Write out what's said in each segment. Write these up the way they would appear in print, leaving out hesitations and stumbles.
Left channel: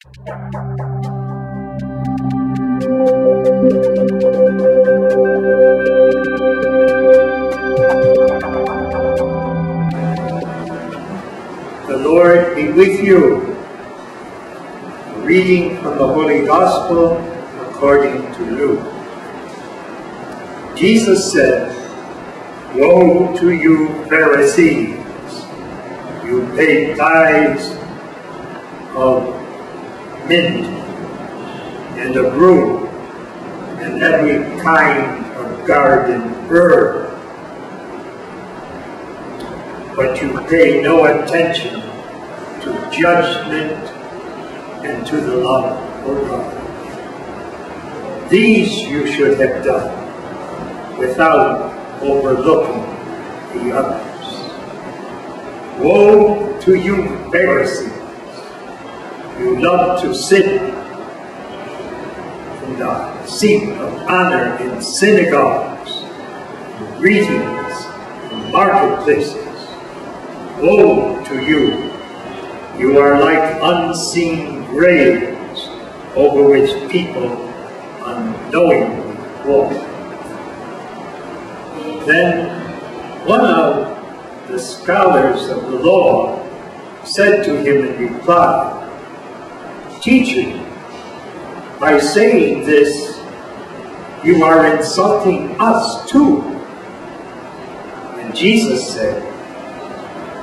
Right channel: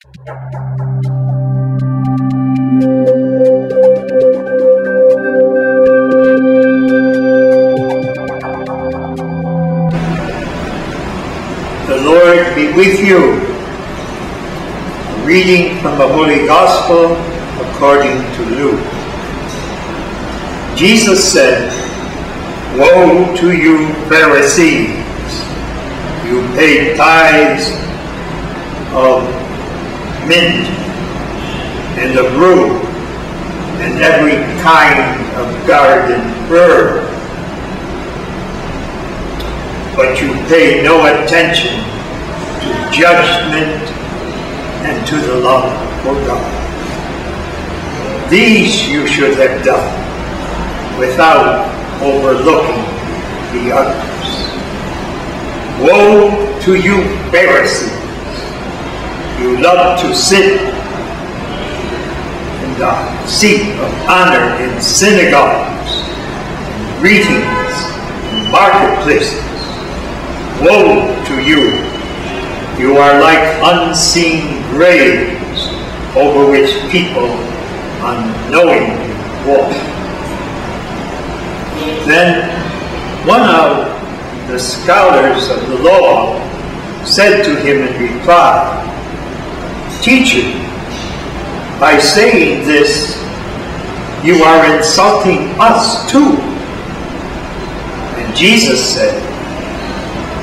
The Lord be with you. A reading from the Holy Gospel according to Luke. Jesus said, "Woe to you, Pharisees! You pay tithes of mint and of rue and every kind of garden herb, but you pay no attention to judgment and to the love for God. These you should have done without overlooking the others. Woe to you, Pharisees! You love to sit in the seat of honor in synagogues, in greetings, in marketplaces. Woe to you! You are like unseen graves over which people unknowingly walk." Then one of the scholars of the law said to him in reply, "Teacher, by saying this, you are insulting us too." And Jesus said,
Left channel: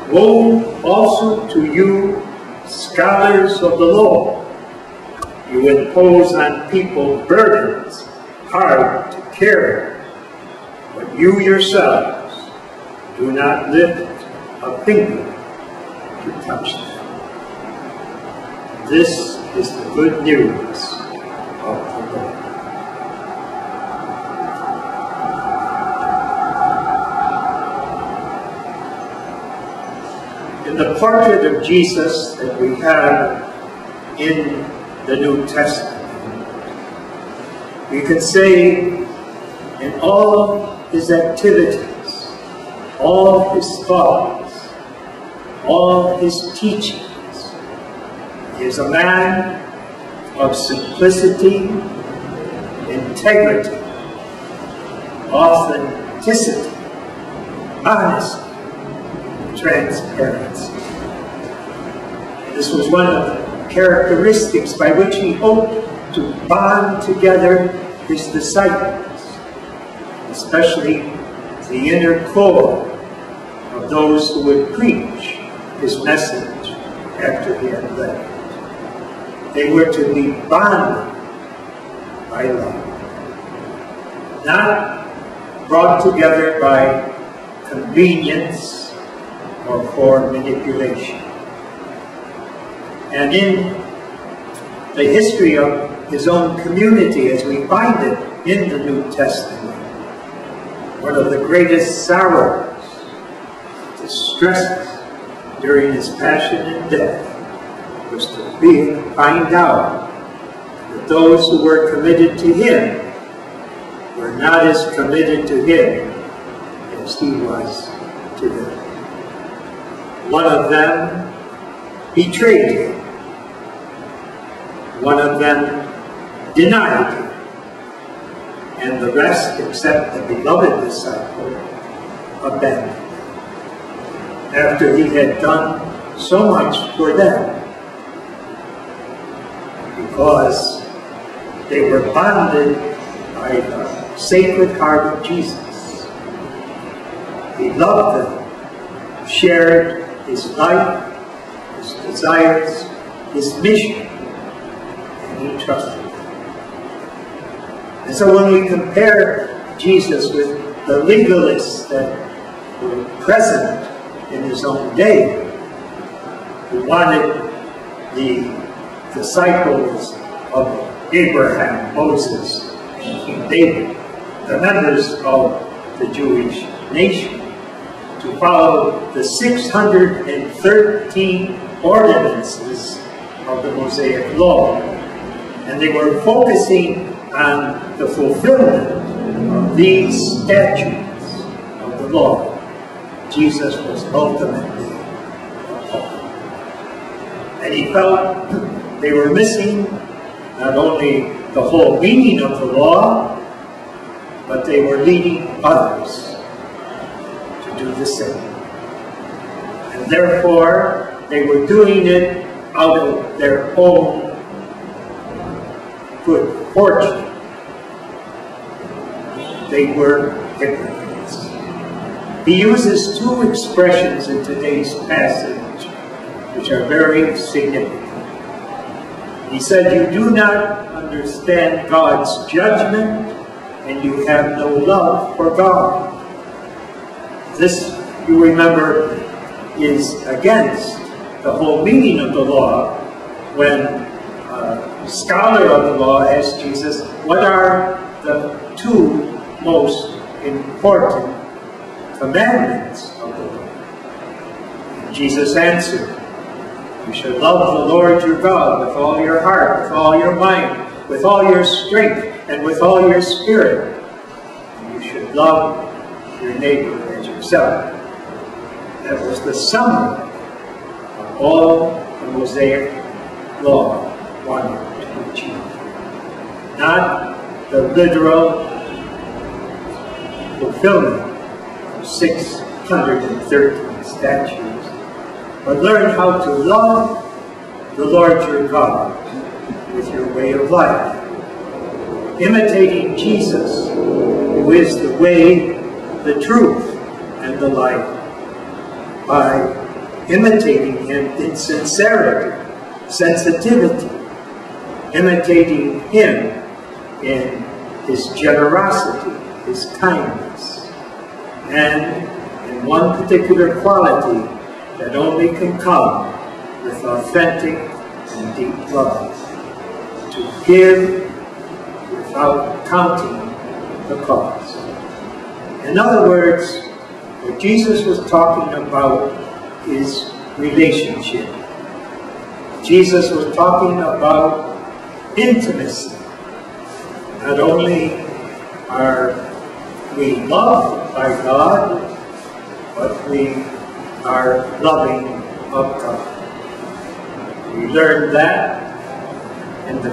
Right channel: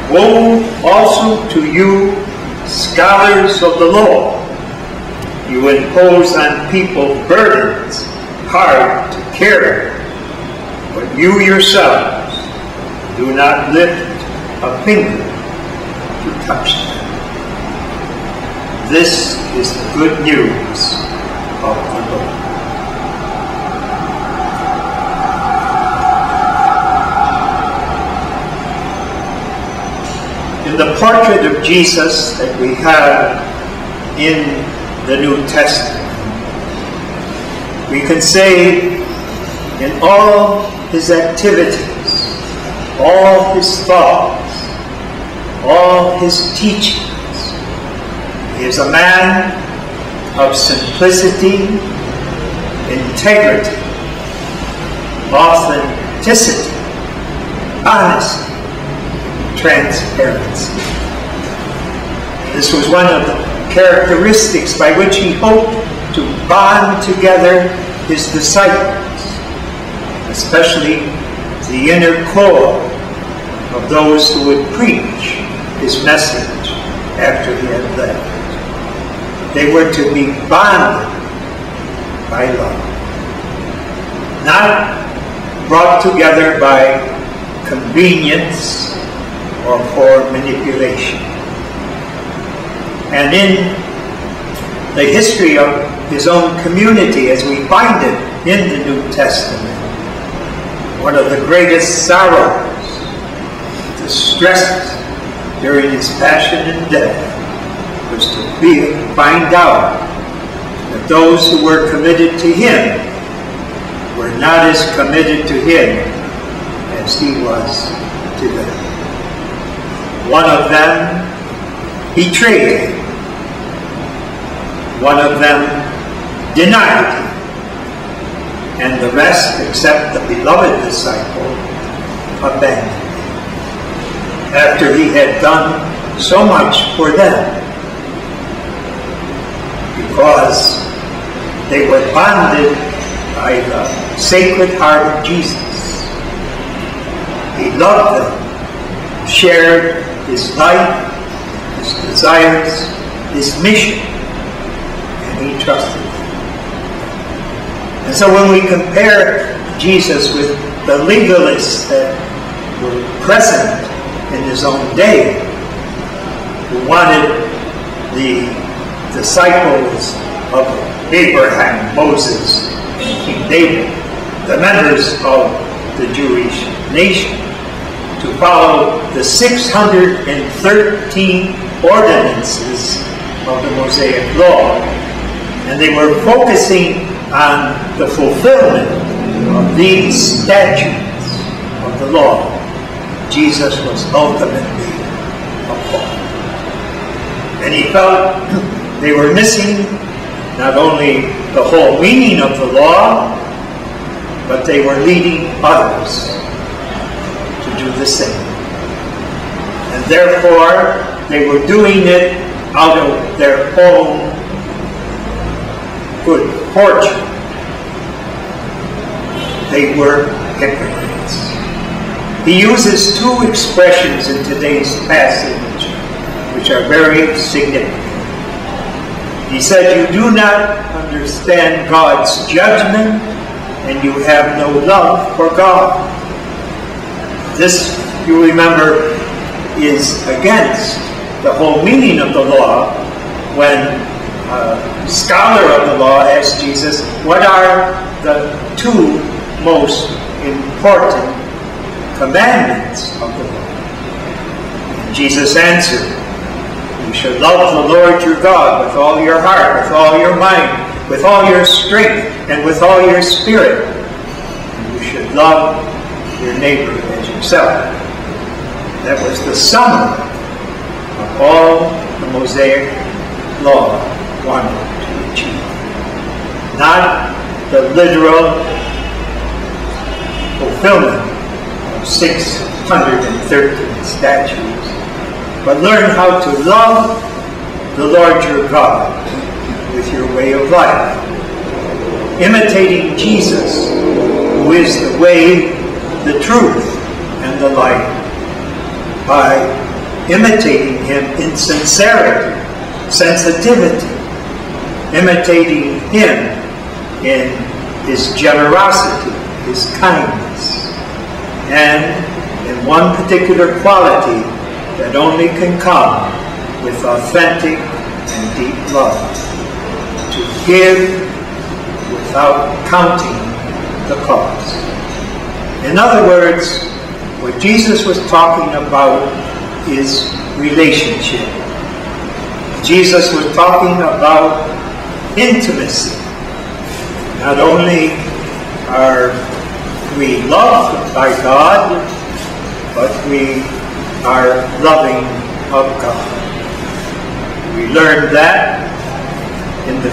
"Woe also to you, scholars of the law! You impose on people burdens hard to carry, but you yourselves do not lift a finger to touch them." This is the good news of the Lord. In the portrait of Jesus that we have in the New Testament, we can say in all his activities, all his thoughts, all his teachings, he is a man of simplicity, integrity, authenticity, honesty, transparency. This was one of the characteristics by which he hoped to bond together his disciples, especially the inner core of those who would preach his message after he had left. They were to be bonded by love, not brought together by convenience or for manipulation. And in the history of his own community, as we find it in the New Testament, one of the greatest sorrows, distresses during his passion and death, was to find out that those who were committed to him were not as committed to him as he was to them. One of them betrayed him. One of them denied him. And the rest, except the beloved disciple, abandoned him. After he had done so much for them, because they were bonded by the Sacred Heart of Jesus. He loved them, shared his life, his desires, his mission, and he trusted them. And so when we compare Jesus with the legalists that were present in his own day, who wanted the disciples of Abraham, Moses, and King David, the members of the Jewish nation, to follow the 613 ordinances of the Mosaic Law. And they were focusing on the fulfillment of these statutes of the law. Jesus was ultimately appalled. And he felt They were missing not only the whole meaning of the law, but they were leading others to do the same. And therefore, they were doing it out of their own good fortune. They were hypocrites. He uses two expressions in today's passage which are very significant. He said, "You do not understand God's judgment, and you have no love for God." This, you remember, is against the whole meaning of the law. When a scholar of the law asked Jesus, what are the two most important commandments of the law? And Jesus answered, "You should love the Lord your God with all your heart, with all your mind, with all your strength, and with all your spirit. And you should love your neighbor as yourself." That was the summary of all the Mosaic law wanted to achieve. Not the literal fulfillment of 613 statutes, but learn how to love the Lord your God with your way of life, imitating Jesus, who is the way, the truth, and the light, by imitating him in sincerity, sensitivity, imitating him in his generosity, his kindness, and in one particular quality that only can come with authentic and deep love: to give without counting the cost. In other words, what Jesus was talking about is relationship. Jesus was talking about intimacy. Not only are we loved by God, but we are loving of God. We learned that in the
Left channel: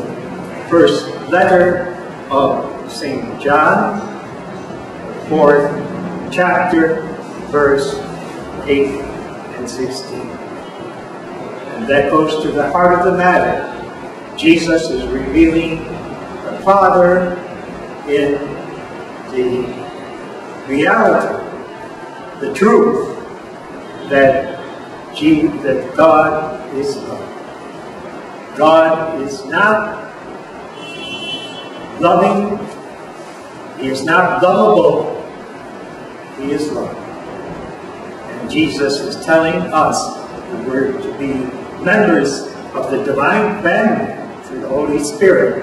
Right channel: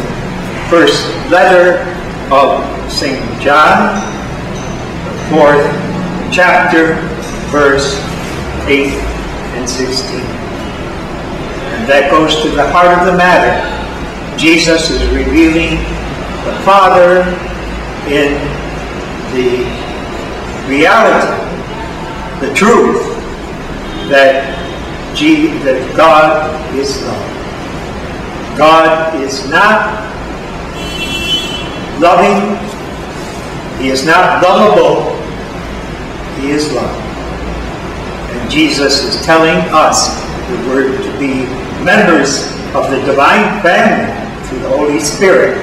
first letter of St. John, the 4th chapter, verse 8 and 16. And that goes to the heart of the matter. Jesus is revealing the Father in the reality, the truth, that God is love. God is not loving. He is not lovable. He is love. And Jesus is telling us that we're to be members of the divine family through the Holy Spirit.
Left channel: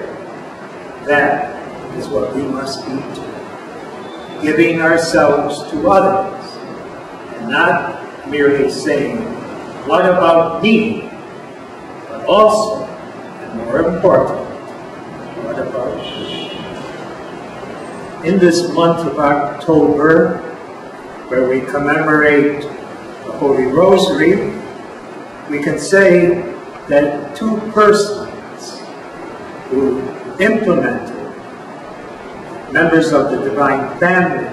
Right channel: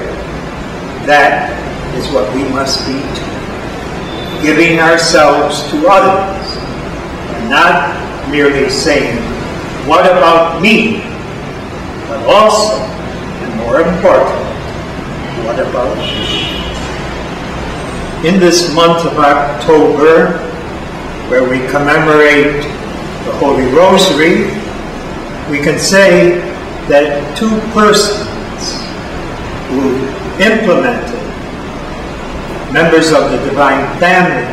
That is what we must be too. Giving ourselves to others, and not merely saying, what about me? But also, and more important, what about you? In this month of October, where we commemorate the Holy Rosary, we can say that two persons who implemented, members of the divine family,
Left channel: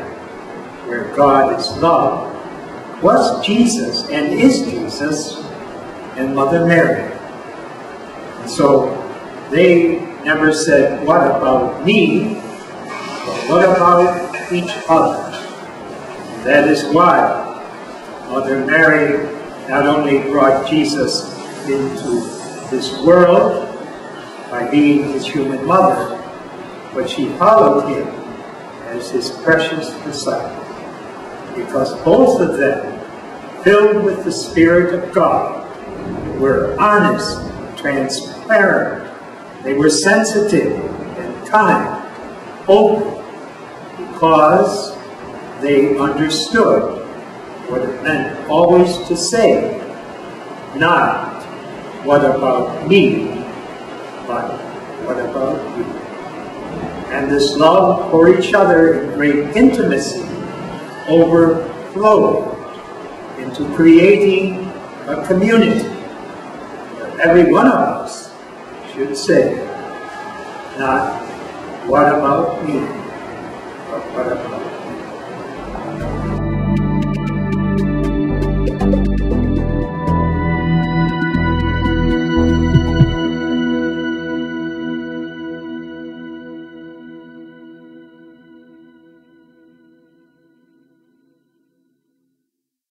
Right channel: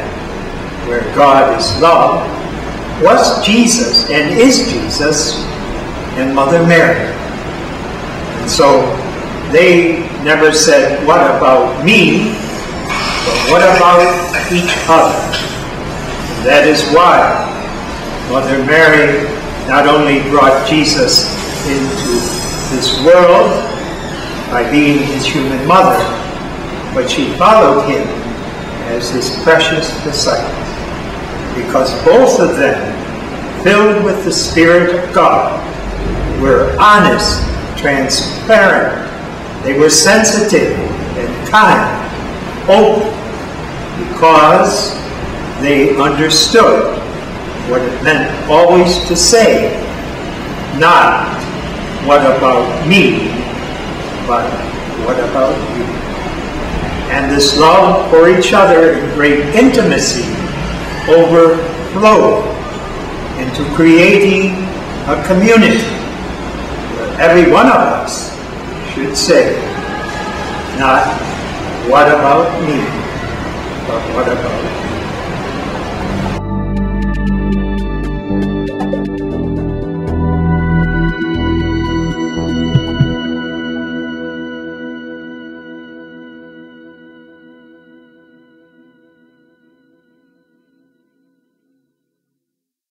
where God is love, was Jesus and is Jesus and Mother Mary. And so they never said, what about me? But what about each other? And that is why Mother Mary not only brought Jesus into this world by being his human mother, but she followed him as his precious disciple, because both of them, filled with the Spirit of God, were honest, transparent. They were sensitive and kind, open, because they understood what it meant always to say, not what about me, but what about you. And this love for each other in great intimacy overflowed into creating a community where every one of us should say, not what about me, but what about